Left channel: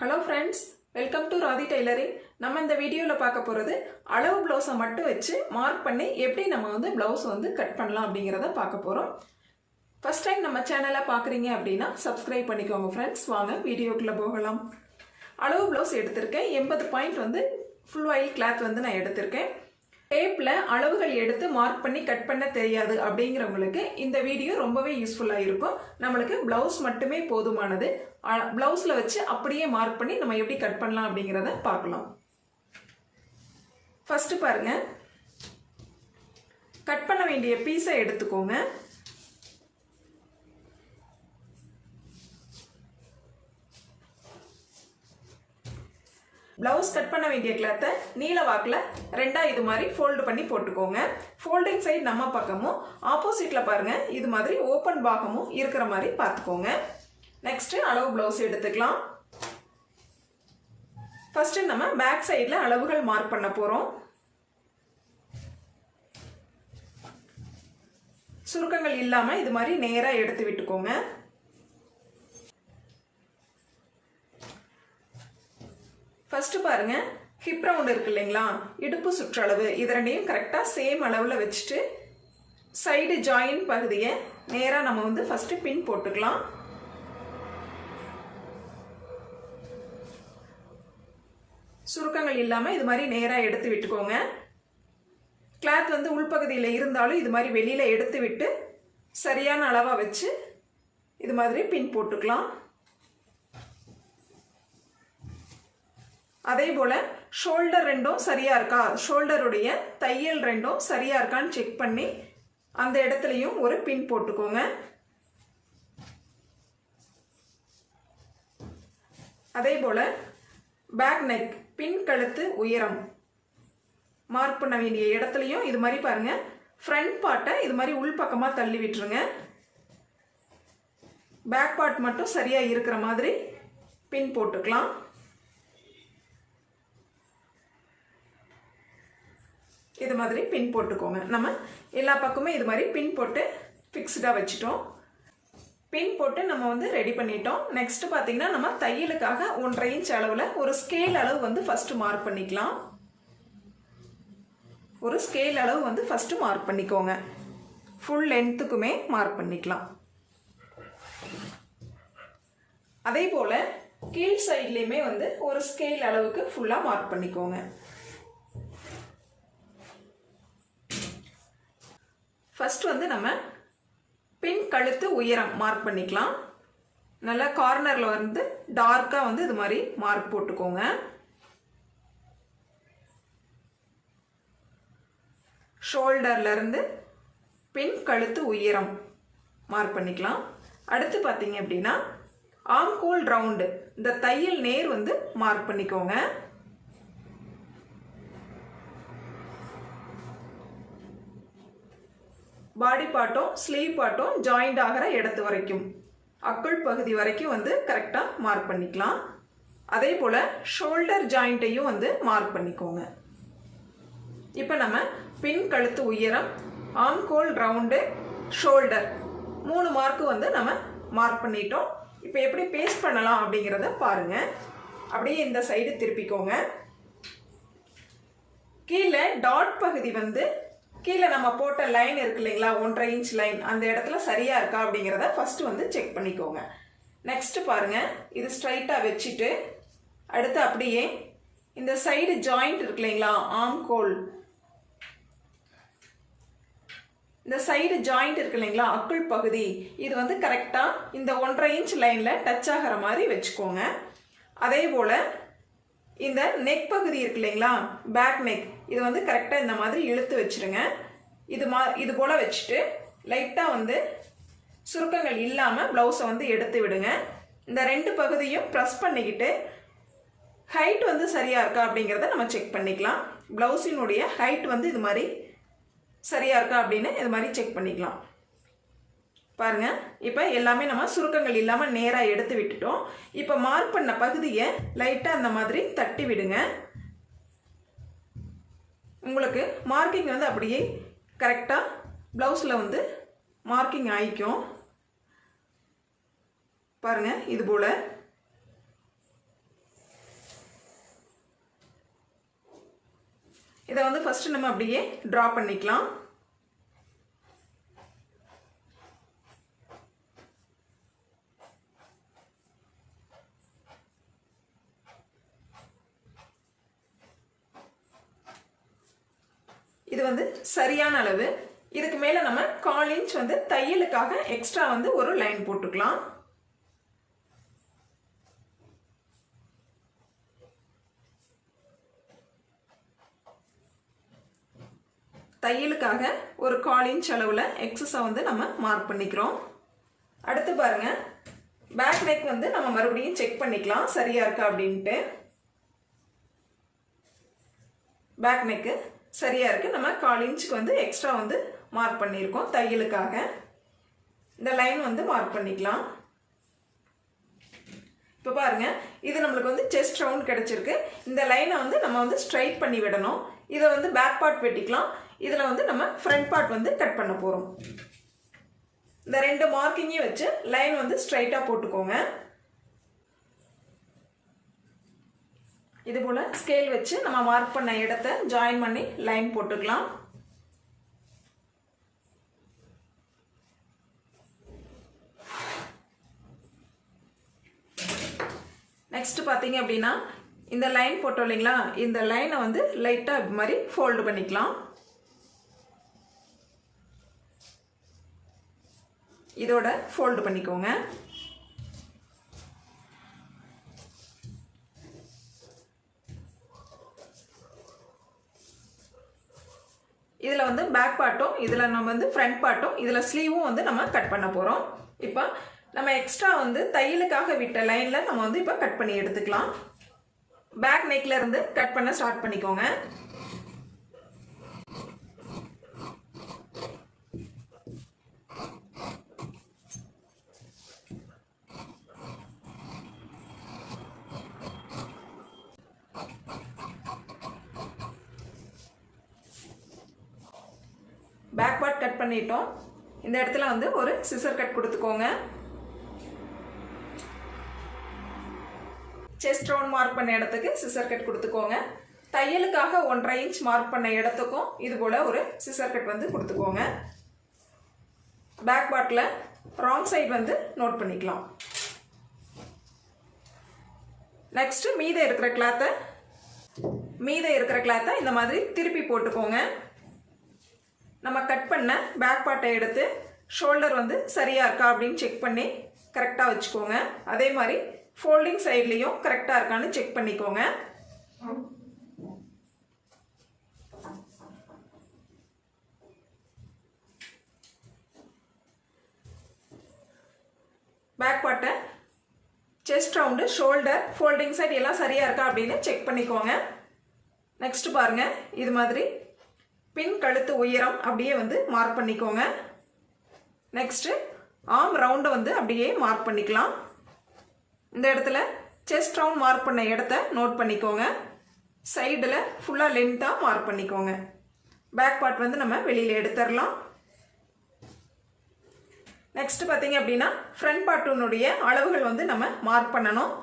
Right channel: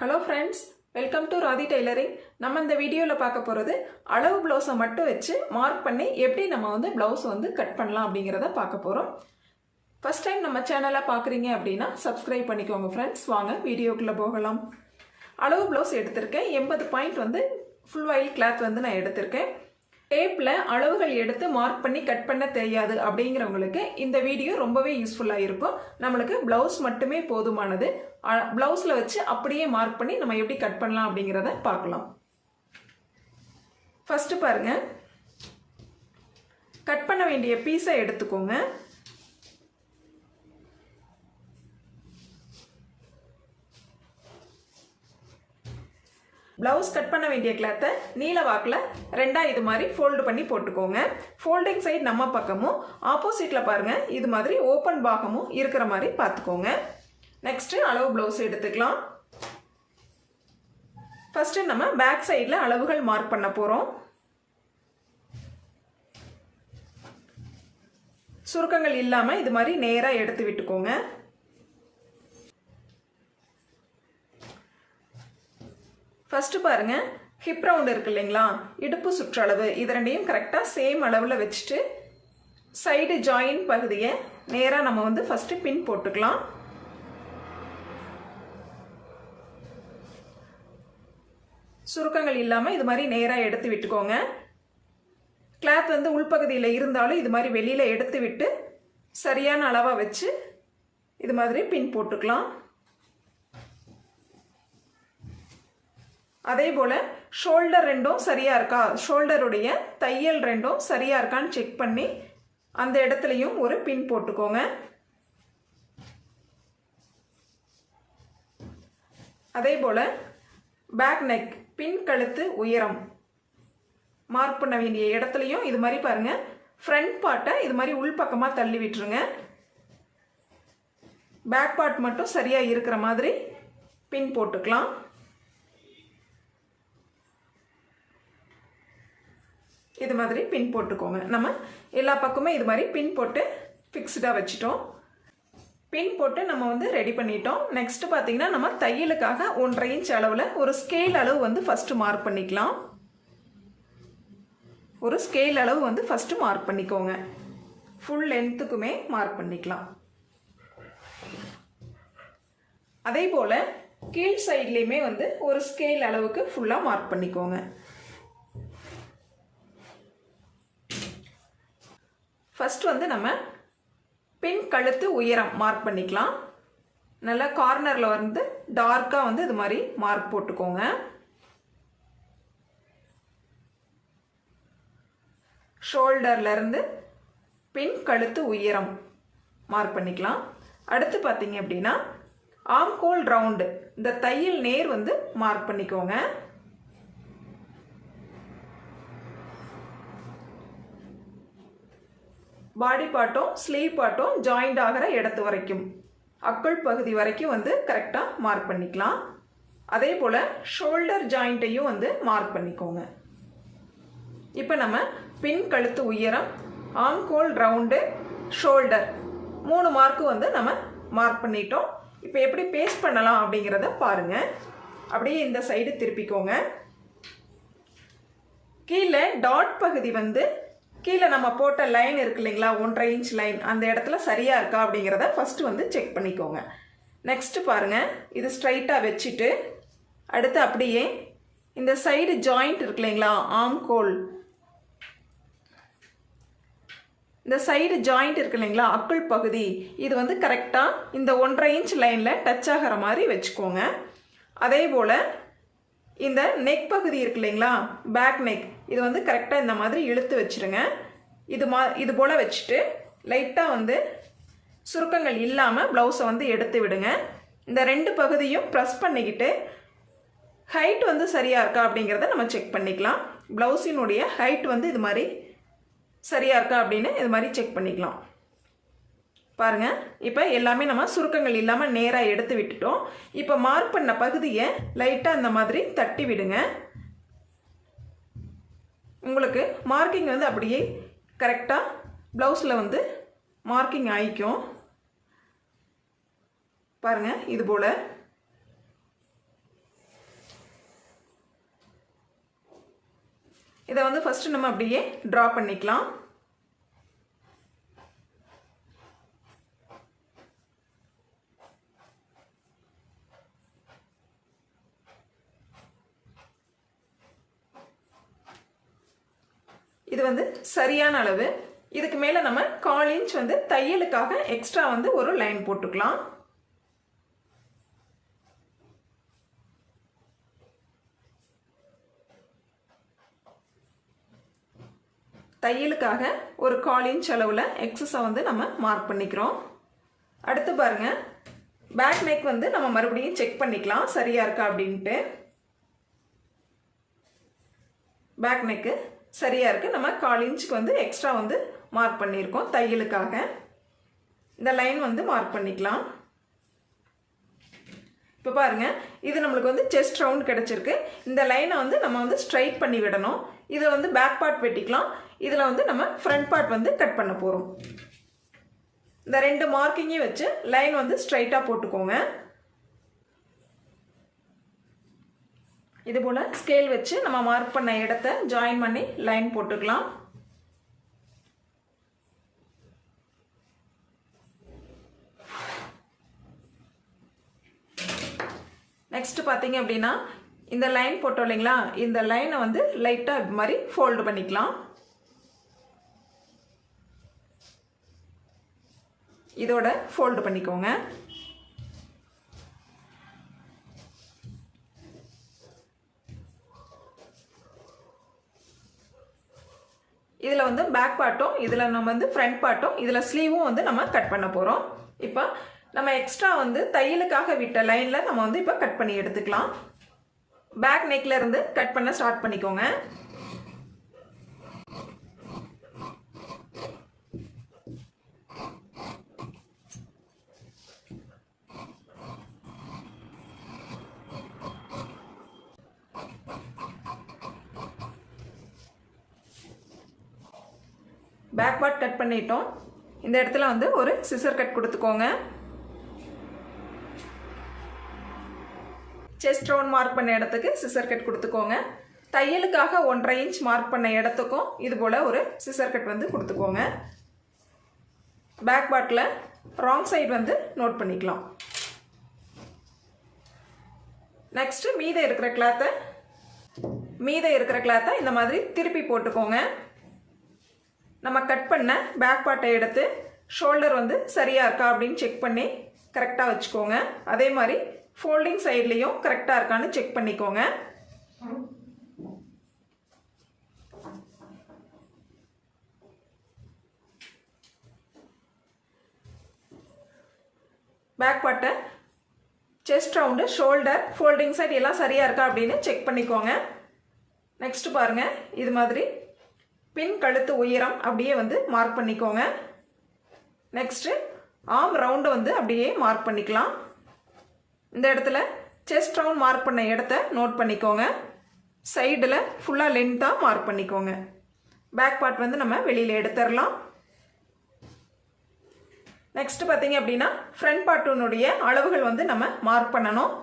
Hello friends, welcome to Radhi tailoring. நம்ம இந்த வீடியோவில் பார்க்க போகிறது அளவு ப்ளவுஸை மட்டும் வச்சு மார்க் பண்ணி எப்படி நம்ம ப்ளவுஸ் கட் பண்ணலாம் அப்படிங்கிறத பார்க்க போகிறோம். ஃபர்ஸ்ட் டைம் நம்ம சேனலை பார்க்குறீங்க அப்படின்னா சப்ஸ்கிரைப் பண்ணிக்கோங்க ஃப்ரெண்ட்ஸ். வாங்க வீடியோக்குள்ளே போகலாம். அளவு ப்ளவுஸ் எடுத்திருக்கேன். 80 பாயிண்ட் ஃபுல் ஆயில் கிளாத் நான் எடுத்திருக்கேன். டேப்பில் அளவுகள் எடுத்து மார்க் பண்ணி கட் பண்ண தெரியாது அப்படிங்கிறவங்களுக்கு இந்த வீடியோ ரொம்பவே யூஸ்ஃபுல்லாக இருக்கும். நம்மளுக்கு ப்ளவுஸ் மட்டுமே போதுமானது. ப்ளவுஸில் வச்சு அப்படியே மார்க் பண்ணி நம்ம எப்படி கட் பண்ணலாம் அப்படிங்கிறத பார்க்கலாம். ஃபஸ்ட்டு பாருங்க, கட் பண்ண வேண்டிய பீஸை எடுத்துக்கோங்க. ப்ளவுஸ் கட் பண்ண வேண்டிய கிளாத்தை நீல வாக்கில் ரெண்டாக இது மாதிரி ஃபோல்டு பண்ணி போட்டுக்கோங்க. ஃபோல்டிங் சைடு நம்ம பக்கமும் ஆப்போசிட்டில் பாருங்கள் இது மாதிரி ஓப்பன் பாகமும் இருக்கிற மாதிரி பார்த்துக்கோங்க. நெக்ஸ்ட்டு அளவு ப்ளவுஸ் எடுத்துக்கலாம். ஃபஸ்ட்டு நம்ம பேக் சைடில் அளவுகள் மார்க் பண்ண போகிறோம். சுருக்கங்கள் இல்லாமல் இது மாதிரி நேராக எடுத்து விட்டுக்கோங்க. ஃபஸ்ட்டு பாருங்க, ஹிப் ரவுண்ட் இருக்கு இல்லைங்களா, இடுப்பு சுற்றளவு, இது ரெண்டையும் கரெக்டாக சேம் அளவில் வச்சுட்டு சைடு ஜாயின் பகுதியை நேராக நம்ம ஃபஸ்ட்டு பின் போட்டுக்கலாம். சுருக்கங்கள் இல்லாமல் இது மாதிரி நேராக எடுத்து விட்டுக்கோங்க. கிளாத் உள்பகுதியில் இருந்தாலும் இது மாதிரி வெளியில் எடுத்து விட்டு சரியான அளவாக வச்சு இது மாதிரி பின் போட்டுக்கலாம். அதே போல் ஷோல்டர் ரெண்டும் சரியாக இருக்கா, ஷோல்டருடைய தையல் ரெண்டும் சரியாக இருக்கான்னு செக் பண்ணி அந்த இடத்துலையும் ஒரு பின் போட்டுக்கோங்க. அதே போல் பேக் நெக், பின் கழுத்து உயரம் மார்க் பண்ண வேண்டிய இடத்துலையும் இது மாதிரி பாருங்க, ஃப்ரண்ட் பார்ட்டை இது மாதிரி உள்பக்கமாக தள்ளி விட்டுருங்க. பேக் பார்ட் மட்டும் சரியாக இருக்கிற மாதிரி பின் போட்டுக்கலாம். இது மாதிரி பின் போட்டுக்கோங்க. நம்ம எல்லா பக்கமும் இது மாதிரி பின் போட்டு ஃபிக்ஸ்டாக வச்சுட்டோம். பின் போட்டு நம்ம ரெடி பண்ணிட்டோம். நெக்ஸ்ட் பார்த்தீங்கன்னா நம்ம தையலுக்காக 1.5 இன்ச் அளவில் ஒரு ஸ்கேல் அளவு ஃபர்ஸ்ட் மார்க் பண்ணிக்கலாம். ஒரு ஸ்கேல் அளவு ஃபர்ஸ்ட் மார்க் பண்ணிக்கோங்க. ஃபுல் லென்த்துக்குமே மார்க் பண்ணிக்கலாம். அதே போல் கீழ் சைட்லேயுமே ஒரு ஸ்கேல் அளவுக்கு ஃபுல்லாக மார்க் பண்ணிக்கோங்க. ஃபர்ஸ்ட் நம்ம பின் கழுத்து உயரம் மார்க் பண்ணிக்கலாம். நல்லா கார்னரில் டார்க்காக இது மாதிரி மார்க் போட்டுக்கோங்க. ஷோல்டர்லேருந்து பின் கழுத்து உயரம் மார்க் பண்ணிக்கலாம். அடுத்து பார்த்தீங்க அப்படின்னா ஆம்கோல் ரவுண்டு, இந்த தையல் நேர் மார்க் பண்ணிக்கோங்க. பாடி பார்ட்டும் ஸ்லீவ் பார்ட்டும் ஜாயிண்ட் ஆகிற இடத்து வரைக்கும், அக்குள் பகுதி வரைக்கும் கரெக்டாக மார்க் பண்ணிக்கலாம். அதே போல் ஷோல்டர் ஜாயிண்ட்டையும் மார்க் பண்ணிக்கோங்க. இப்போ நம்ம பின் கழுத்து உயரம், ஆம்கோல் ரவுண்டு, ஷோல்டர் 3 மார்க்கு நம்ம மார்க் பண்ணிட்டோம். இப்போ எப்படி பேஸ்ட் பண்ணலாம் அப்படிங்கிறத பாருங்கள். அப்படியே இந்த சைடு திருப்பிக்கோங்க. கீழே டாட் பகுதி கீழே நம்ம போட்ட லைன் இருக்கு இல்லைங்களா, 1.5 இன்ச் லைன், அந்த இடத்துல சரியாக இருக்கா அப்படிங்கிறத ஃபஸ்ட்டு செக் பண்ணிக்கோங்க. நெக்ஸ்ட்டு பாருங்கள், இது ஸ்ட்ரைட்டாக வச்சுட்டு அடுத்து அப்படியே இந்த சைடு ஜாயிண்ட் இருக்கு இல்லைங்களா, ஆம்கோல், இந்த சைடு ஜாயிண்ட் இருக்கு இல்லைங்களா, அக்குள் பகுதி, இது கரெக்டாக இந்த 1.5 இன்ச் லைனில் டச் ஆகிற மாதிரி வச்சுக்கோங்க. அதே போல் இந்த நெக் பகுதி இருக்கு இல்லைங்களா, பேக் நெக், இது கரெக்டாக இந்த மாதிரி இழுத்து வச்சுருங்க. இது போல் வச்சுட்டு லைட்டாக சுருக்கங்கள் இல்லாமல் ப்ளவுஸை எடுத்து விடுங்க. இந்த 2 பகுதியும் ப்ரெஸ் பண்ணிக்கிட்டு ஹைட் சரியாக இருக்கா அப்படிங்கிறத நம்ம செக் பண்ணிக்கலாம். ப்ளவுஸினுடைய ஹைட் இது மாதிரி சரியாக இருக்கா அப்படின்னு இது மாதிரி செக் பண்ணிக்கலாம். பாருங்கள், இப்போ எல்லாமே நம்ம சுருக்கங்கள் இல்லாமல் நேராக எடுத்து விட்டுட்டோம். இப்போ மார்க் பண்ண பகுதியை லைட்டாக இந்த மாதிரி தட்டி விடுங்க. உங்களுக்கு மார்க்கிங் அப்படியே கரெக்டாக ப்ளவுஸில் மார்க்கிங் ஆகிக்கும். பாருங்கள், இது போல் இதை வந்து ஃபர்ஸ்ட் நம்ம அப்படியே டிரா பண்ணிக்கலாம். இது வந்து சரியான அளவு. இதுக்கு மேல நம்ம 1/4 இன்ச் வந்து தையலுக்காக எக்ஸ்ட்ரா வந்து ஒரு லைன் போட்டுக்கலாம். தையலுக்காக ஒரு 1/4 இன்ச் அளவுல எக்ஸஸை வந்து நம்ம மார்க் பண்ணிக்கிறோம். அடுத்து பாருங்க, பேக் நெக் வந்து நம்ம மறுபடியும் செக் பண்ணிக்கலாம் சரியா இருக்கா அப்படின்ட்டு. பேக் நெக்கு சரியா இருக்கு. நம்ம 1/4 இன்ச்சுக்கு வந்து எக்ஸ்ட்ரா வந்து மார்க் பண்ணியிருக்கோம் தையலுக்காக. இந்த லைன் வந்து மார்க் பண்ணிக்கலாம். இப்போ பாருங்க, இது நம்மளுக்கு வந்து செஸ்ட் ரவுண்ட் கிடைச்சிருக்கு. இந்த லைனை வந்து நம்ம வந்து ஸ்ட்ரைட் பண்ணி விடணும். இதை வந்து பேக் பார்ட் வெட்டிக்கலாம். இதில் வந்து நம்ம ஃப்ரண்ட் பார்ட் வந்து கட் பண்ண போகிறோம். இந்த 2 மார்க்கிங்கையும் வச்சு லைன் வந்து ஸ்ட்ரைட்டாக போட்டுக்கோங்க. இது போல ஸ்கேல் வச்சு நம்ம மார்க் பண்ண இடத்தை ஜாயின் பண்ணி லைன் போட்டுக்கலாம். நெக்ஸ்ட் பார்த்தீங்க அப்படின்னா, இந்த லைன் போட்டோம் இல்லைங்களா, இந்த லைனை வந்து லைட்டாக இது மாதிரி ஃபோல்டு பண்ணிக்கலாம். இதோட ஃபோல்டு பண்ணிக்கோங்க. இதில் வந்து பேக் பார்ட்டும், இதில் நம்ம வந்து ஃப்ரண்ட் பார்ட்டும், இதில் ஸ்லீவும் வந்து நம்ம கட் பண்ண போகிறோம். இப்போ நம்ம எக்ஸ்ட்ரா வந்து தையலுக்காக விட்ட லைனில் நம்ம வந்து இப்போ கட் பண்ணி எடுத்துக்கலாம். பேக் நெக்ல இருந்து கட் பண்ண ஸ்டார்ட் பண்ணிக்கோங்க. பேக் பார்ட் கட் பண்ணிட்டோம். இந்த இடத்துல வந்து ஒரு சிசர் கட் கொடுத்துக்கோங்க. செஸ்ட் ரவுண்ட் மார்க் பண்ண இடத்துக்கு சிசர் கட் கொடுத்துக்கோங்க. தையலுக்காக 1/2 இன்ச் மார்க் பண்ண இடத்துக்கும் இது போல ஒரு சிசர் கட் வந்து கொடுத்துக்கோங்க. பேக் பார்ட்ல ராங் சைடு வந்து நோட் பண்ணிக்கலாம். நெக்ஸ்ட் மீதம் இருக்கிற கிளாத்தை இந்த மாதிரி திருப்பி போட்டுக்கோங்க. நம்ம கட் பண்ண பேக் பார்ட்டை எடுத்து ஷோல்டர் வந்து சரியா இருக்கா அப்படின்னு செக் பண்ணி கரெக்டாக வச்சுக்கோங்க. அதே மாதிரி ஃபோல்டிங் சைட்லேயும் கரெக்டாக இருக்கான்னு செக் பண்ணிக்கோங்க. பேக் பார்ட்டை chest round, shoulder, folding side எல்லாம் சரியா இருக்கா அப்படின்னு செக் பண்ணிக்கோங்க. நெக்ஸ்ட் பாருங்க, இது மாதிரி பின் கழுத்து உயரம் அப்படியே வந்து மார்க் பண்ணிக்கோங்க. நெக்ஸ்ட் ஆர்ம் ரவுண்டு வந்து அப்படியே மார்க் பண்ணிக்கலாம். இந்த இடத்துல செஸ்ட் ரவுண்ட் மார்க் பண்ண இடத்த நோட் பண்ணிக்கோங்க. சைடில் ஃபுல்லாக லென்த்தாக மார்க் பண்ணிக்கோங்க. பேக் பார்ட் வந்து நம்ம வெளியில் எடுத்துடலாம். நெக்ஸ்ட் பார்த்தீங்க அப்படின்னா, ஃப்ரண்ட் பார்ட்டுனுடைய அளவுகள் வந்து நம்ம மார்க் பண்ணணும்.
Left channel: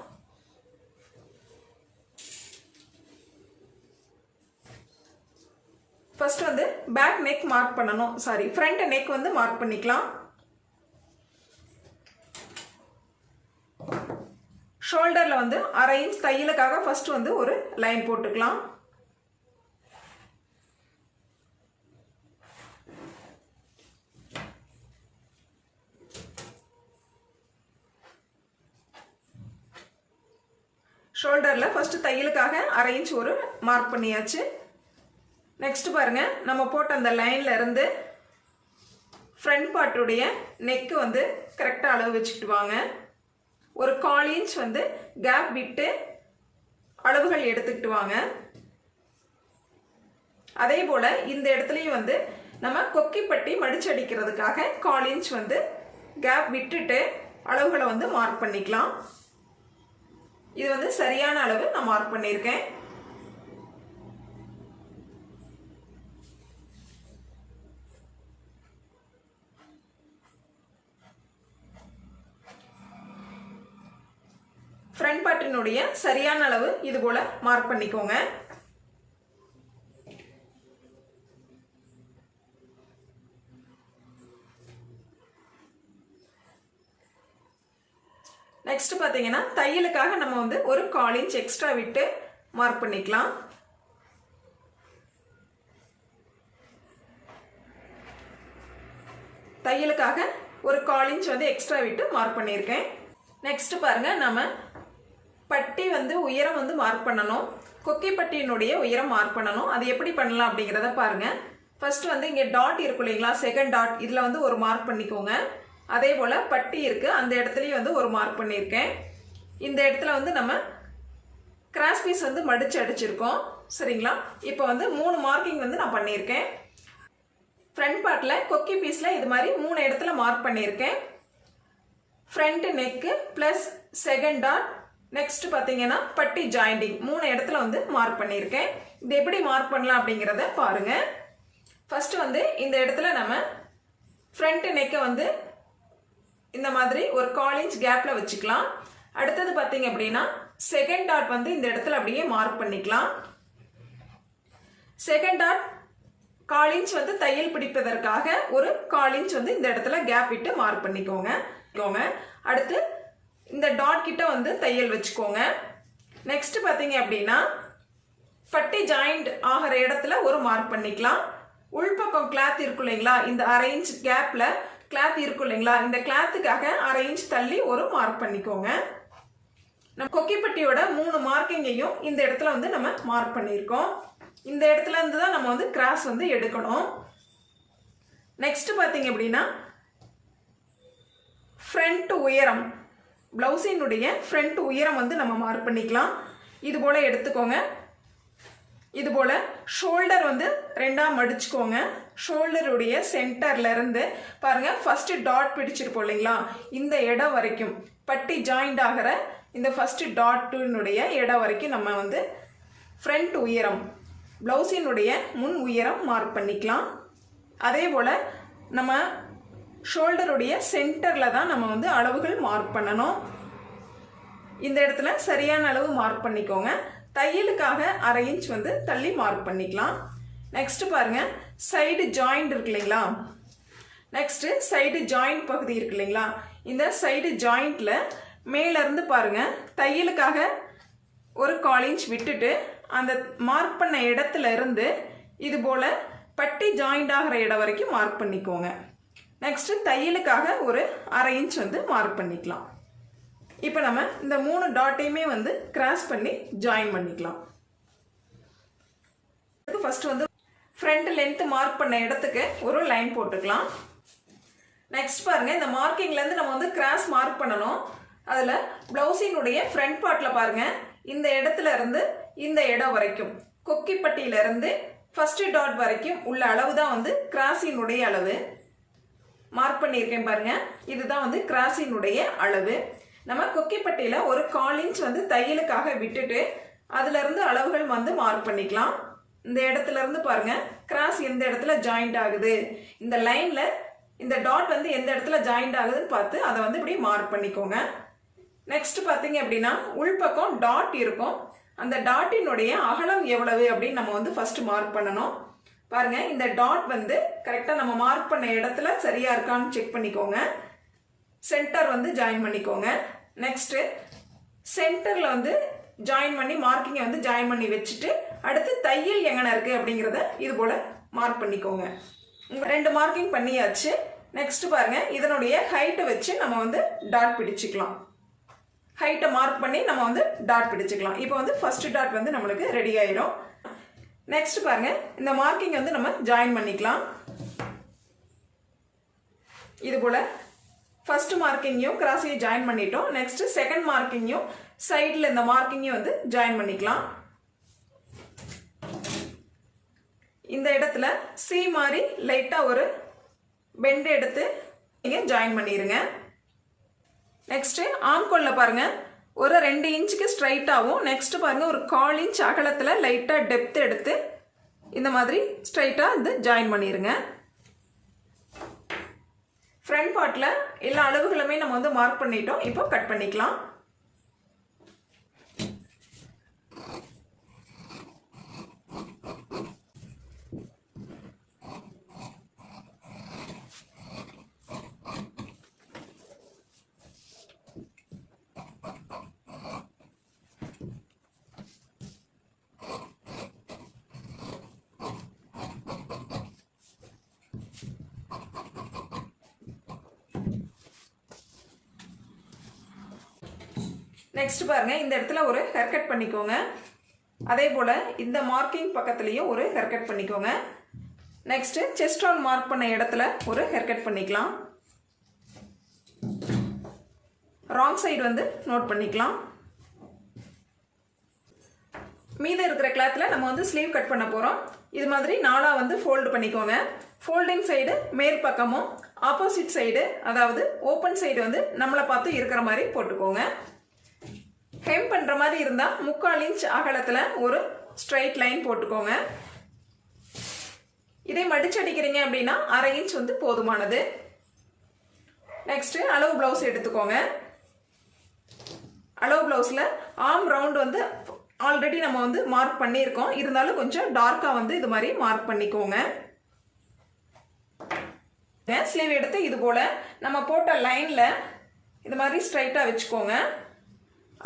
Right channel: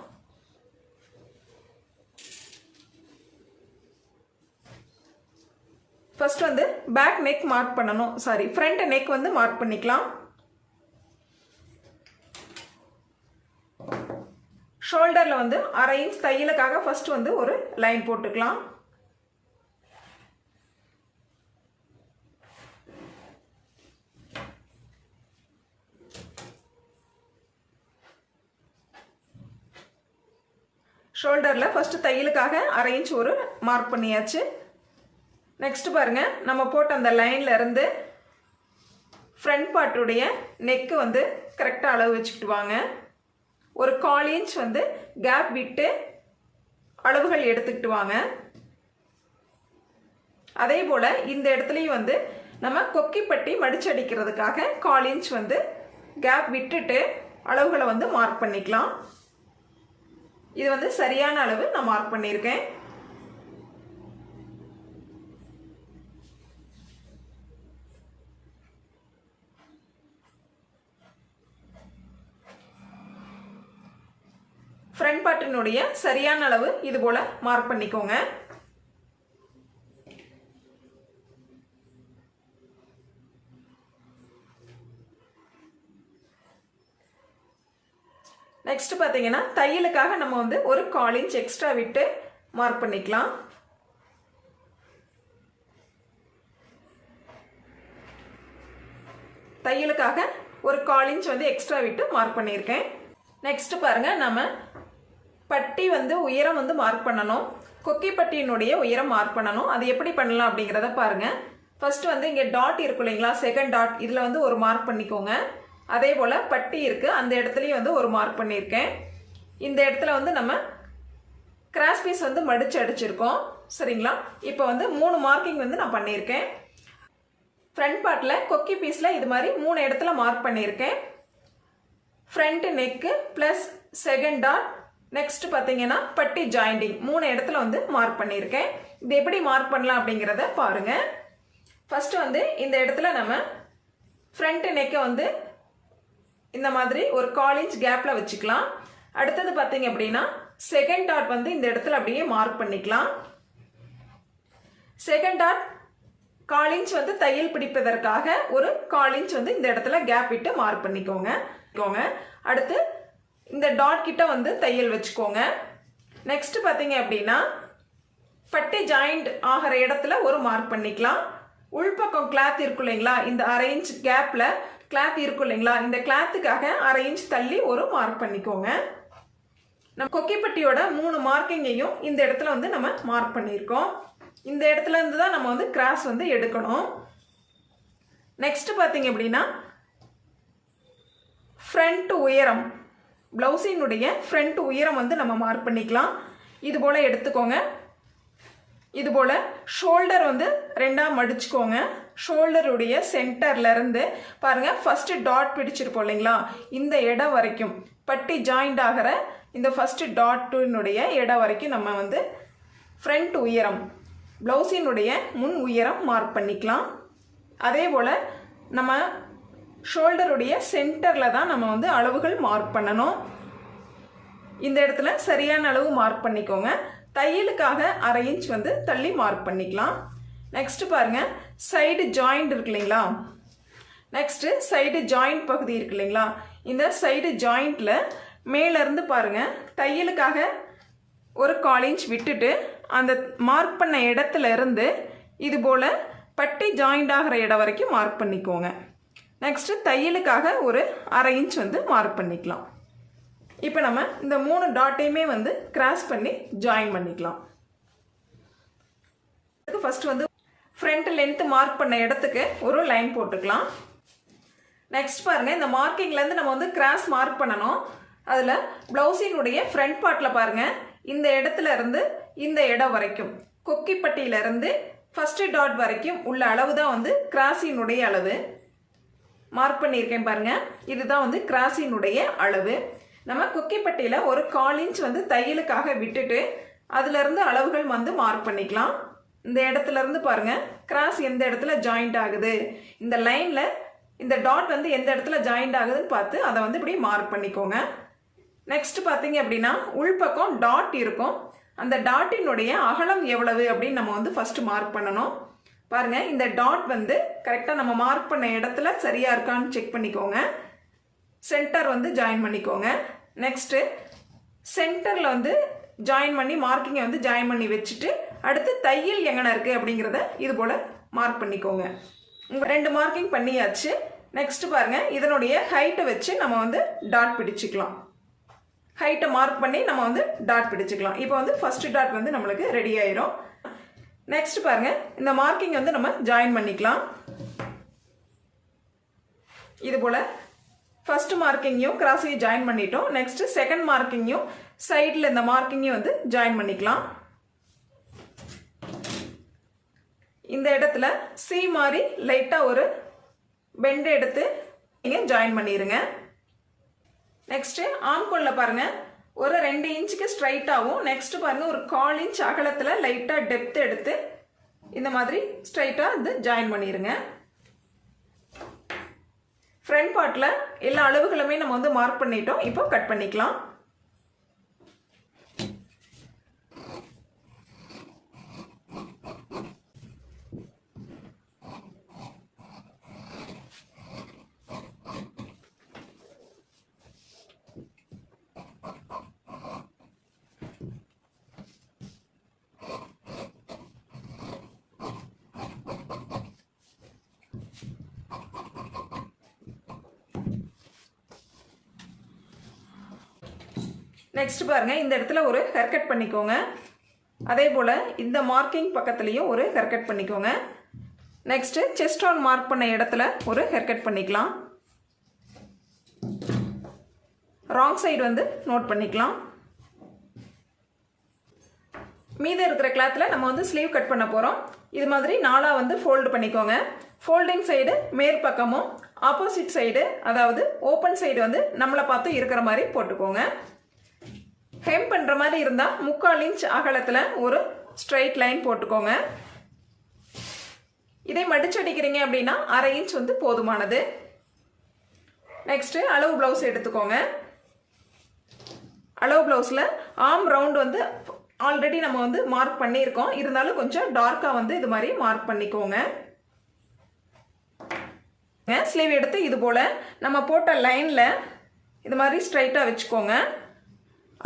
ஃபர்ஸ்ட் வந்து பேக் நெக் மார்க் பண்ணணும். ஃப்ரண்ட் நெக் வந்து மார்க் பண்ணிக்கலாம். ஷோல்டர்ல வந்து 1/2 இன்ச் தையலுக்காக ஃபர்ஸ்ட் வந்து ஒரு லைன் போட்டுக்கலாம். ஷோல்டர்ல ஃபர்ஸ்ட் தையலுக்காக 1/2 இன்ச் ஒரு மார்க் பண்ணியாச்சு. நெக்ஸ்ட் பாருங்க, நம்ம போட்ட அந்த லைன்ல இருந்து ஃப்ரண்ட் பார்ட்டுடைய நெக்கு வந்து கரெக்டாக அளவு வச்சுக்கிட்டு வாங்க. ஒரு 1/4 இன்ச் வந்து கேப் விட்டு அளவுகள் எடுத்துக்கிட்டு வாங்க. அதே போல இந்த இடத்துலையும் வந்து நம்ம கொக்கிப்பட்டி மடிச்சு அடிக்கிறதுக்காக 1/4 இன்ச் வந்து கேப் விட்டுட்டு அளவுகளை வந்து மார்க் பண்ணிக்கலாம். இது வந்து சரியான அளவு நான் மார்க் பண்ணியிருக்கேன். ஃப்ரண்ட் பார்ட்டினுடைய சரியான அளவு இது போல மார்க் பண்ணிக்கோங்க. நெக்ஸ்ட் பார்த்தீங்கன்னா தையலுக்காக நம்ம வந்து ஒரு 1/4 இன்ச் எக்ஸ்ட்ரா விட்டு மார்க் பண்ணிக்கலாம். தையலுக்காக ஒரு 1/4 இன்ச் வந்து எக்ஸ்ட்ரா விட்டு மார்க் பண்ணியிருக்கேன். நெக்ஸ்ட் பாருங்க, நம்ம பட்டி வந்து உயரம் வந்து மார்க் பண்ணணும். கொக்கி பட்டியினுடைய உயரம் மார்க் பண்ணணும். அது எப்படி பண்ணலாம் அப்படிங்கிறத பாருங்க. ஃபர்ஸ்ட் வந்து இங்கே டாட் இருக்கும் இல்லைங்களா, செகண்ட் டாட், இதில் வந்து ஒரு மார்க் பண்ணிக்கோங்க. அதே போல் பட்டி இருக்கு, அந்த இடத்துலையும் வந்து ஒரு மார்க் பண்ணியிருக்கேன். இந்த இடத்துல வந்து நம்ம கிராஸ் பீஸ் வந்து மடிச்சு அடிச்சிருக்கோம். சரிங்களா? இப்போ வந்து 3 மார்க்கிங் வந்து நான் பண்ணியிருக்கேன். ஃப்ரண்ட் பார்ட்டில் கொக்கி பீஸில் இது மாதிரி 3 இடத்துல மார்க் பண்ணியிருக்கேன். Front neck plus second dot, next பார்த்தீங்கன்னா பட்டி ஜாயிண்டிங் 3 இடத்துல வந்து மார்க் பண்ணியிருக்கேன். இது எப்படி மார்க் பண்ணலாம் அப்படிங்கிறத பாருங்க. ஃபர்ஸ்ட் வந்து இந்த இடத்துல நம்ம ஃப்ரண்ட் நெக்கை வந்து இந்த மாதிரி ஒரு 1/4 இன்ச் கேப்ல வச்சுக்கலாம். அடுத்தது பார்த்தீங்க அப்படின்னா செகண்ட் டாட் வந்து இந்த இடத்துல அப்படியே மார்க் பண்ணிக்கலாம். செகண்ட் டாட் 1/4 இன்ச் வந்து தையல் பிடிப்பதற்காக ஒரு 1/4 இன்ச் வந்து இந்த இடத்துல கேப் விட்டு மார்க் பண்ணிக்கோங்க. அடுத்து இந்த டாட் கிட்ட வந்து தையல் வச்சுக்கோங்க. நெக்ஸ்ட் பார்த்தீங்க அப்படின்னா பட்டி ஜாயிண்ட் ஆகிற இடத்துல ஒரு மார்க் பண்ணிக்கலாம். உள்பக்கம் கிளாத் இருக்கும் இல்லைங்களா, இந்த 1/2 இன்ச் கேப்ல கிளாத் இருக்கும் இல்லைங்களா, இந்த கிளாத்துக்காக 1/2 இன்ச் தள்ளி ஒரு மார்க் பண்ணிக்கோங்க. நம்ம கொக்கிப்பட்டியோட 3 மார்க்கிங்கையும் இந்த இடத்துல வந்து நம்ம மார்க் பண்ணியிருக்கோம். இந்த இடத்துல இருந்து தான் நம்ம வந்து கிராஸ் வந்து எடுக்கணும். நெக்ஸ்ட் பார்த்தீங்க அப்படின்னா ஃப்ரண்ட் உயரம், பிளவுஸினுடைய ஃப்ரண்ட் உயரம் வந்து நம்ம மார்க் பண்ணிக்கலாம். இது போல எடுத்துக்கோங்க. இது போல ஷோல்டர் வந்து 2ஆ மடிச்சுக்கோங்க. ஷோல்டருடைய சென்டர்ல இருந்து பாருங்க, ஃபர்ஸ்ட் டாட் பிடிச்சிருப்போம் இல்லைங்களா, இந்த இடம் வரைக்கும் பட்டி ஜாயிண்ட் ஆகிற இந்த ஃபர்ஸ்ட் டாட்டினுடைய இடம் வரைக்கும் நம்ம வந்து ஃப்ரண்ட் உயரம், பிளவுஸினுடைய முன் உயரம் மார்க் பண்ணிக்கலாம். அதே போல் நம்ம ஷோல்டருடைய சென்டரில் தான் நம்ம வந்து அளவுகள் மார்க் பண்ணணும். இந்த இடத்துல சரியான அளவு மார்க் பண்ணிக்கோங்க. தையலுக்காக 1/2 இன்ச் வந்து தள்ளி மார்க் பண்ணிக்கலாம். நெக்ஸ்ட் பாருங்க, சைடு ஜாயிண்ட் இருக்கு இல்லைங்களா, நெக்ஸ்ட் சைடு ஜாயிண்ட் பகுதி இருக்கு இல்லைங்களா, இந்த சைடு ஜாயிண்ட்ல மேல இருந்து பாருங்க தையலுக்காக ஒரு 1/4 இன்ச் விட்டுட்டு அந்த மார்க் பண்ண இடத்துல இருந்து இது போல பட்டி ஜாயிண்ட் ஆகிற இடம் வரைக்கும் மார்க் பண்ணிக்கோங்க. நெக்ஸ்ட் தையலுக்காக ஒரு 1/2 இன்ச் வந்து மார்க் பண்ணிக்கலாம். இப்போ நம்ம இந்த 3 டாட்டையுமே வந்து கிராஸ் பண்ணி ஜாயின் பண்ணிக்கலாம். ஃபர்ஸ்ட் வந்து ஃப்ரண்ட் லென்த் மார்க் பண்ண இடத்துக்கு ஒரு லைன் போட்டுக்கலாம். நெக்ஸ்ட் பாருங்க, இந்த மார்க்கிங்ல இருந்து நம்ம வந்து கிராஸ் மார்க் பண்ணணும். அதுல பிளவுஸினுடைய ஃப்ரண்ட் பார்ட்ல பாருங்க, இந்த இடத்துல இருந்து இந்த இடம் வரைக்கும் கொக்கிப்பட்டியில இருந்து ஃபர்ஸ்ட் டாட் வரைக்கும் உள்ள அளவு தான் வந்து கிராஸினுடைய அளவு மார்க் பண்ணியிருக்கேன் பாருங்க. இதுதான் வந்து கிராஸினுடைய அளவு. நம்ம கொக்கிப்பட்டியில ஒரு 1/4 இன்ச் வந்து தையலுக்காக விட்டுட்டு அதுல இருந்து அளவுகள் வந்து மார்க் பண்ணிக்கலாம். இந்த இடத்துல இருந்து பாருங்க கிராஸ் எந்த இடத்துல ஜாயிண்ட் ஆகுது, இந்த லைன்ல இந்த டாட் வந்து எந்த இடத்துல ஜாயிண்ட் ஆகுதுன்னு பார்த்து அதை வந்து இப்படி மார்க் பண்ணிக்கோங்க. நெக்ஸ்ட் பார்த்தீங்க அப்படின்னா உள்பக்கம் டாட் இருக்கும். அந்த டாட்டினுடைய அகலம் எவ்வளவு அப்படின்னு நம்ம வந்து ஃபர்ஸ்ட் மார்க் பண்ணணும். பாருங்க, இந்த டாட் வந்து கரெக்டாக நம்ம மார்க் பண்ண இடத்துல சரியா இருக்கான்னு செக் பண்ணிக்கோங்க. சென்டர் வந்து ஜாயின் பண்ணிக்கோங்க. நெக்ஸ்ட் சென்டர்ல வந்து ஜாயின் பண்ணி மார்க்கிங்கை வந்து ஜாயின் பண்ணி வச்சுட்டு அடுத்து தையல் எங்கன இருக்கு அப்படிங்கிறத இது போல மார்க் பண்ணிக்கோங்க. 2 மார்க்கிங் பண்ணியாச்சு. நெக்ஸ்ட் பாருங்க, இதனுடைய ஹைட்டை வச்சு நம்ம வந்து டாட் பிடிச்சிக்கலாம். ஹைட்டை மார்க் பண்ணி நம்ம வந்து டாட் பிடிச்சிக்கலாம். இப்போ வந்து ஃபர்ஸ்ட் டாட் வந்து நம்மளுக்கு ரெடி ஆயிரும். நெக்ஸ்ட் பாருங்க, இந்த மார்க்கிங் வந்து நம்ம ஜாயின் பண்ணிக்கலாம். இது போல ஃபர்ஸ்ட் மார்க்கிங்கையும் கிராஸையும் ஜாயின் பண்ணிட்டோம். நெக்ஸ்ட் செகண்ட் மார்க்கிங்கையும் சைடில் இந்த மார்க்கிங்கையும் வந்து ஜாயின் பண்ணிக்கலாம். இந்த இடத்துல சி மாதிரி லைட்டா ஒரு பெண்ட் எடுத்து நீங்க ஜாயின் பண்ணிருங்க. நெக்ஸ்ட் ஆம்கோல்ல பாருங்க ஒரு 2 இன்ச்சுக்கு ஸ்ட்ரைட்டாகவும், நெக்ஸ்ட் பாருங்க ஒரு 1/4 இன்ச் அகலத்துல லைட்டா டெப்த் எடுத்து இந்த மாதிரி ஸ்ட்ரைட்டா இது ஜாயின் பண்ணிருங்க. ஃப்ரண்ட் பார்ட்ல எல்லா அளவுகளுமே நம்ம வந்து மார்க் பண்ணிட்டோம். இப்போ கட் பண்ணிக்கலாம். நெக்ஸ்ட் பாருங்கள், இந்த இடத்துல ஒரு ஹேர் கட் பண்ணிக்கோங்க. அதே போல் இந்த மார்க்கிங் பக்கத்துலேயும் ஒரு ஹேர் கட் பண்ணிக்கோங்க. நெக்ஸ்ட்டு செஸ்ட் ரவுண்ட் மார்க் பண்ண இடத்துல ஒரு ஹேர் கட் பண்ணிக்கலாம். ராங் சைடு வந்து நோட் பண்ணிக்கலாம். மீதம் இருக்கிற கிளாத்தில் நம்ம வந்து ஸ்லீவ் கட் பண்ண போகிறோம். இது மாதிரி நாலாக வந்து ஃபோல்டு பண்ணிக்கோங்க. ஃபோல்டிங் சைடு மேற்பக்கமும் ஆப்போசிட் சைடு அதாவது ஓப்பன் சைடு வந்து நம்மளை பார்த்து இருக்கிற மாதிரி போட்டுக்கோங்க. ஹெம் பண்ணுற மாதிரி இருந்தால் 3/4 இன்ச் அகலத்தில் ஒரு ஸ்ட்ரைட் லைன் போட்டுக்கோங்க. இதே மடிச்சடிக்கிறீங்க அப்படின்னா 1/2 இன்ச் வந்து போதுமானது. நெக்ஸ்ட்டு அளவு ப்ளவுஸ் எடுத்துக்கோங்க. அளவு ப்ளவுஸில் ஆர்ம் ரவுண்ட் வந்து ஆல்ரெடி நம்ம வந்து மார்க் பண்ணியிருக்கோம். இருந்தாலும் கொஞ்சம் டார்க்காக வந்து இது மாதிரி மார்க் பண்ணிக்கோங்க. ஸ்லீவ் எடுத்து இது போல் நம்ம போட்ட லைனில் இது மாதிரி ஸ்ட்ரைட்டாக வச்சுக்கோங்க.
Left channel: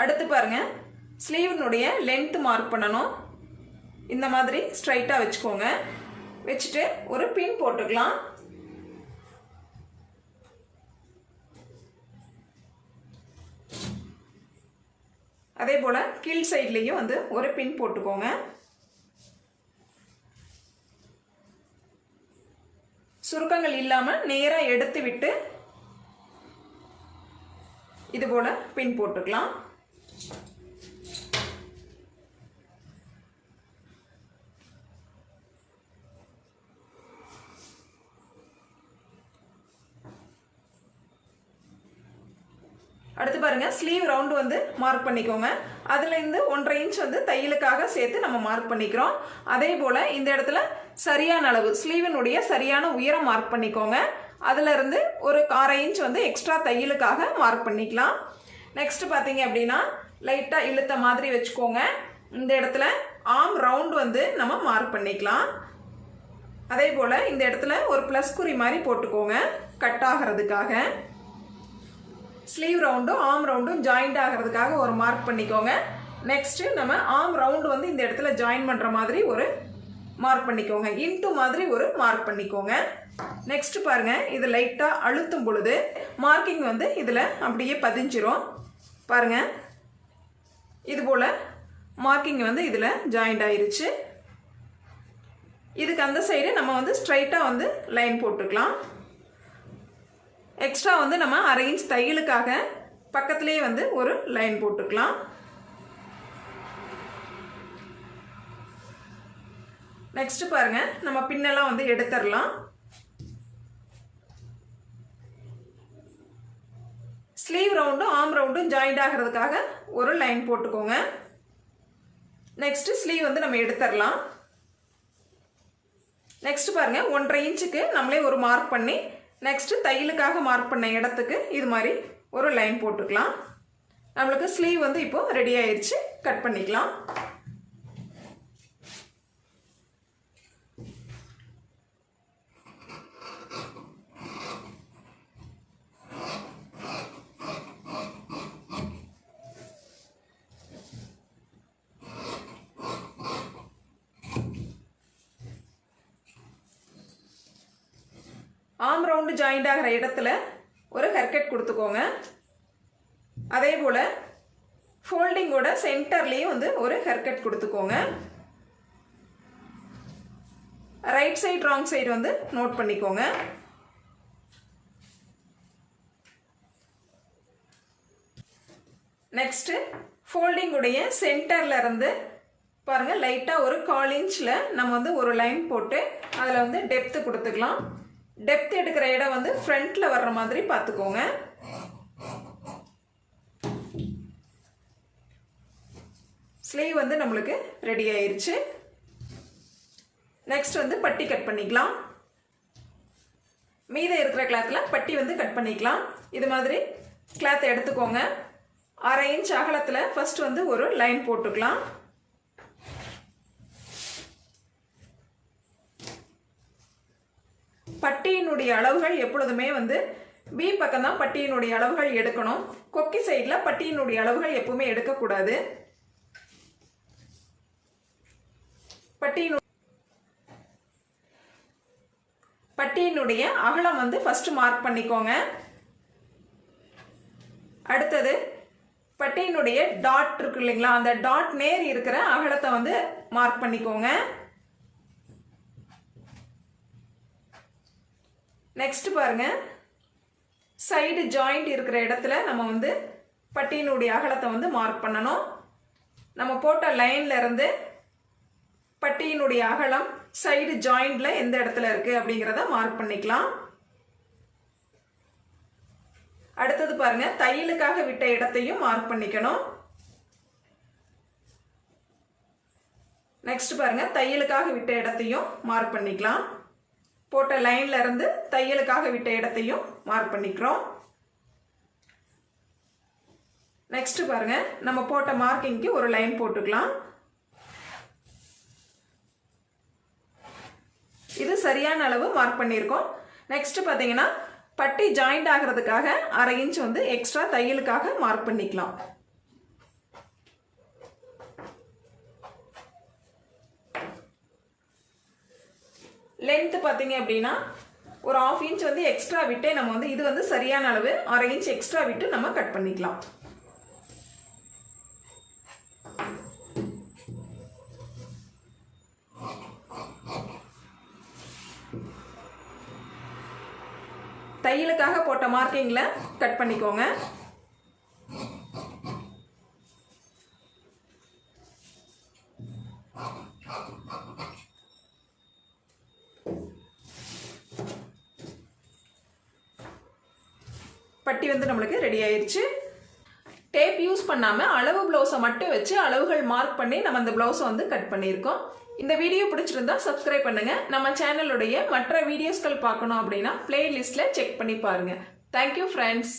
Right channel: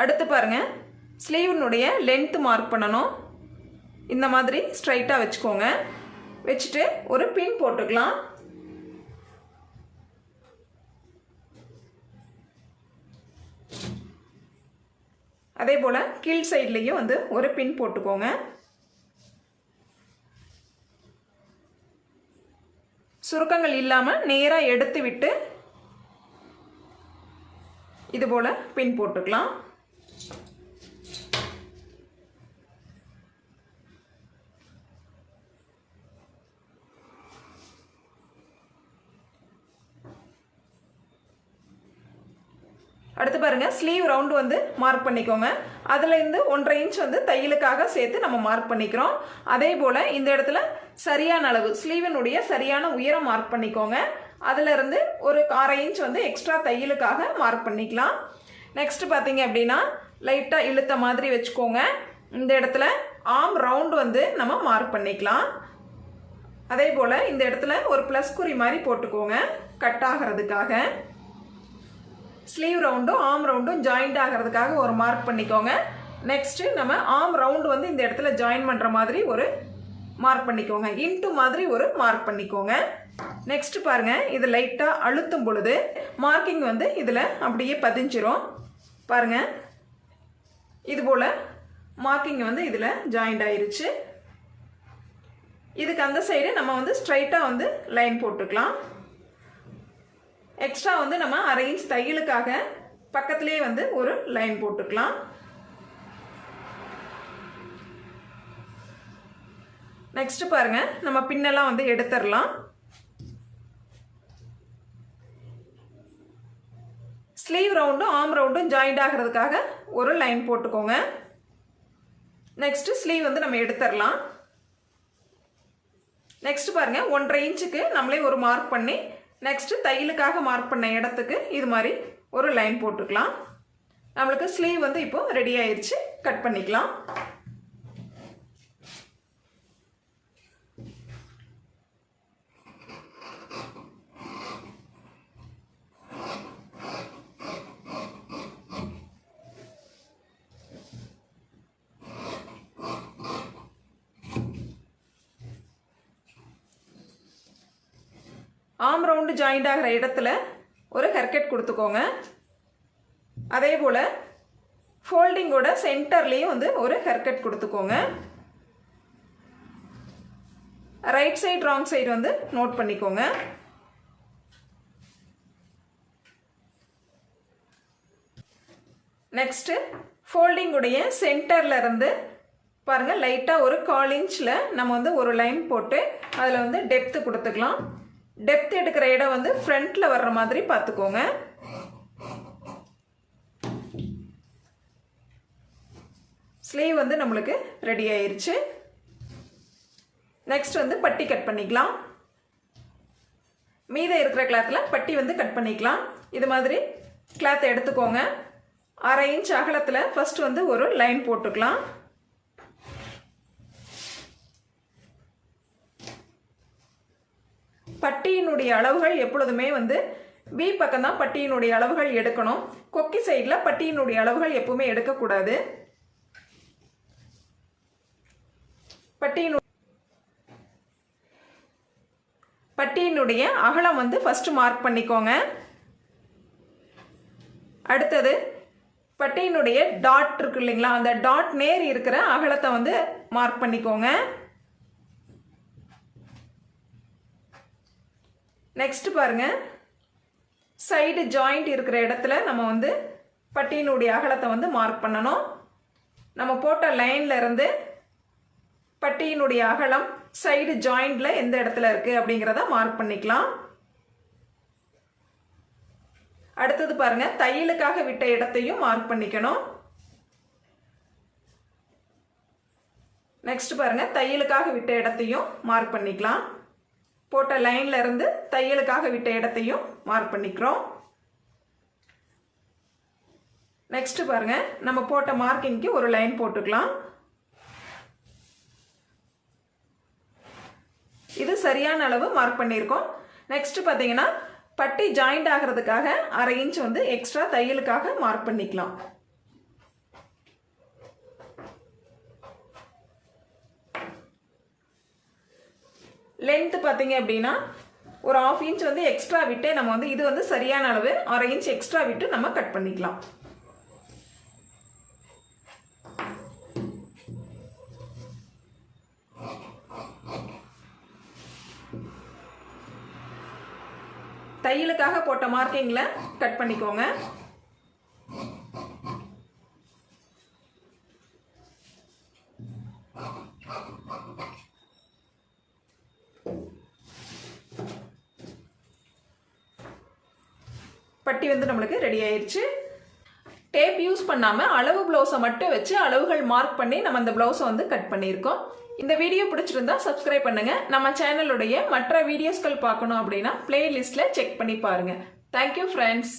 அடுத்து பாருங்கள், ஸ்லீவ்னுடைய லென்த் மார்க் பண்ணணும். இந்த மாதிரி ஸ்ட்ரைட்டாக வச்சுக்கோங்க. வச்சுட்டு ஒரு பின் போட்டுக்கலாம். அதே போல் கீழ் சைட்லேயும் வந்து ஒரு பின் போட்டுக்கோங்க. சுருக்கங்கள் இல்லாமல் நேராக எடுத்து விட்டு இது போல் பின் போட்டுக்கலாம். அடுத்து பாருங்க, ஸ்லீவ் ரவுண்டு வந்து மார்க் பண்ணிக்கோங்க. அதுலேருந்து 1/2 இன்ச் வந்து தையலுக்காக சேர்த்து நம்ம மார்க் பண்ணிக்கிறோம். அதே போல் இந்த இடத்துல சரியான அளவு ஸ்லீவினுடைய சரியான உயரம் மார்க் பண்ணிக்கோங்க. அதிலிருந்து ஒரு 1/2 இன்ச் வந்து எக்ஸ்ட்ரா தையலுக்காக மார்க் பண்ணிக்கலாம். நெக்ஸ்ட் பார்த்தீங்க அப்படின்னா லைட்டாக இழுத்த மாதிரி வச்சுக்கோங்க. இந்த இடத்துல ஆர்ம் ரவுண்டு வந்து நம்ம மார்க் பண்ணிக்கலாம். அதே போல் இந்த இடத்துல ஒரு ப்ளஸ் குறி மாதிரி போட்டுக்கோங்க கட் ஆகிறதுக்காக. ஸ்லீவ் ரவுண்டும் ஆர்ம் ரவுண்டும் ஜாயிண்ட் ஆகிறதுக்காக ஒரு மார்க் பண்ணிக்கோங்க. நெக்ஸ்ட்டு நம்ம ஆர்ம் ரவுண்டு வந்து இந்த இடத்துல ஜாயின் பண்ணுற மாதிரி ஒரு மார்க் பண்ணிக்கோங்க. இன்ட்டு மாதிரி ஒரு மார்க் பண்ணிக்கோங்க. நெக்ஸ்ட் பாருங்கள், இது லைட்டாக அழுத்தும் பொழுது மார்க்கிங் வந்து இதில் அப்படியே பதிஞ்சிரும். பாருங்கள், இது போல் மார்க்கிங் வந்து இதில் ஜாயிண்ட் ஆயிருச்சு. இதுக்கு அந்த சைடு நம்ம வந்து ஸ்ட்ரைட்டாக வந்து லைன் போட்டுக்கலாம். எக்ஸ்ட்ரா வந்து நம்ம 1/2 இன்ச் தையலுக்காக பக்கத்துலேயே வந்து ஒரு லைன் போட்டுக்கலாம். நெக்ஸ்ட் பாருங்க, நம்ம பின்னெல்லாம் வந்து எடுத்துடலாம். ஸ்லீவ் ரவுண்டும் ஆர்ம் ரவுண்டும் ஜாயிண்ட் ஆகிறதுக்காக ஒரு லைன் போட்டுக்கோங்க. நெக்ஸ்ட் ஸ்லீவ் வந்து நம்ம எடுத்துடலாம். நெக்ஸ்ட் பாருங்க, 1/2 இன்ச்சுக்கு நம்மளே ஒரு மார்க் பண்ணி நெக்ஸ்ட் தையலுக்காக மார்க் பண்ண இடத்துக்கு இது மாதிரி ஒரு லைன் போட்டுக்கலாம். நம்மளுக்கு ஸ்லீவ் வந்து இப்போ ரெடி ஆயிடுச்சு. கட் பண்ணிக்கலாம். ஆர்ம் ரவுண்டு ஜாயிண்ட் ஆகிற இடத்துல ஒரு ஹேர்கட் கொடுத்துக்கோங்க. அதே போல் ஃபோல்டிங்கோட சென்டர்லேயும் வந்து ஒரு ஹேர்கட் கொடுத்துக்கோங்க. ரைட் சைடு ராங் சைடு வந்து நோட் பண்ணிக்கோங்க. நெக்ஸ்ட் ஃபோல்டிங்குடைய சென்டர்ல இருந்து பாருங்க லைட்டாக ஒரு 1/4 இன்ச்சில் நம்ம வந்து ஒரு லைன் போட்டு அதில் வந்து டெப்த்து கொடுத்துக்கலாம். டெப்த் எடுக்கிற இடம் வந்து ஃப்ரண்ட்ல வர்ற மாதிரி பார்த்துக்கோங்க. ஸ்லீவ் வந்து நம்மளுக்கு ரெடி ஆயிருச்சு. நெக்ஸ்ட் வந்து பட்டி கட் பண்ணிக்கலாம். மீதம் இருக்கிற கிளாத்தில் பட்டி வந்து கட் பண்ணிக்கலாம். இது மாதிரி கிளாத்தை எடுத்துக்கோங்க. 1/2 இன்ச் அகலத்தில் ஃபர்ஸ்ட் வந்து ஒரு லைன் போட்டுக்கலாம். பட்டியினுடைய அளவுகள் எப்பொழுதுமே வந்து பி பக்கம் தான் பட்டியினுடைய அளவுகள் எடுக்கணும். கொக்கி சைடில் பட்டியினுடைய அளவுகள் எப்பவுமே எடுக்கக்கூடாது. பட்டியினுடைய அகலம் வந்து ஃபர்ஸ்ட் மார்க் பண்ணிக்கோங்க. அடுத்தது பட்டியினுடைய டாட் இருக்கு இல்லைங்களா, அந்த டாட் நேர் இருக்கிற அகலத்தை வந்து மார்க் பண்ணிக்கோங்க. நெக்ஸ்ட் பாருங்க, சைடு ஜாயிண்ட் இருக்கிற இடத்துல நம்ம வந்து பட்டியினுடைய அகலத்தை வந்து மார்க் பண்ணணும். நம்ம போட்ட லைன்ல இருந்து பட்டியினுடைய அகலம் சைடு ஜாயிண்ட்ல எந்த இடத்துல இருக்கு அப்படிங்கிறத மார்க் பண்ணிக்கலாம். அடுத்தது பாருங்க, தையலுக்காக விட்ட இடத்தையும் மார்க் பண்ணிக்கணும். நெக்ஸ்ட் பாருங்க, தையலுக்காக விட்ட இடத்தையும் மார்க் பண்ணிக்கலாம். போட்ட லைன்ல இருந்து தையலுக்காக விட்ட இடத்தையும் மார்க் பண்ணிக்கிறோம். நெக்ஸ்ட் பாருங்க, நம்ம போட்ட மார்க்கிங்க்கு ஒரு லைன் போட்டுக்கலாம். இது சரியான அளவு மார்க் பண்ணியிருக்கோம். நெக்ஸ்ட் பாத்தீங்கன்னா பட்டி ஜாயிண்ட் ஆகிறதுக்காக 1/2 இன்ச் வந்து எக்ஸ்ட்ரா தையலுக்காக மார்க் பண்ணிக்கலாம். லென்த் பார்த்தீங்க அப்படின்னா ஒரு 1/2 இன்ச் வந்து எக்ஸ்ட்ரா விட்டு நம்ம வந்து இது வந்து சரியான அளவு 1/2 இன்ச் எக்ஸ்ட்ரா விட்டு நம்ம கட் பண்ணிக்கலாம். தையலுக்காக போட்ட மார்க்கிங்ல கட் பண்ணிக்கோங்க. பட்டி வந்து நம்மளுக்கு ரெடி ஆயிருச்சு. டேப் யூஸ் பண்ணாம அளவு பிளவுஸை மட்டும் வச்சு அளவுகள் மார்க் பண்ணி நம்ம இந்த பிளவுஸை வந்து கட் பண்ணியிருக்கோம். இந்த வீடியோ பிடிச்சிருந்தா சப்ஸ்கிரைப் பண்ணுங்க. நம்ம சேனலுடைய மற்ற வீடியோஸ்கள் பார்க்கணும் அப்படின்னா பிளேலிஸ்ட்ல செக் பண்ணி பாருங்க. Thank you friends.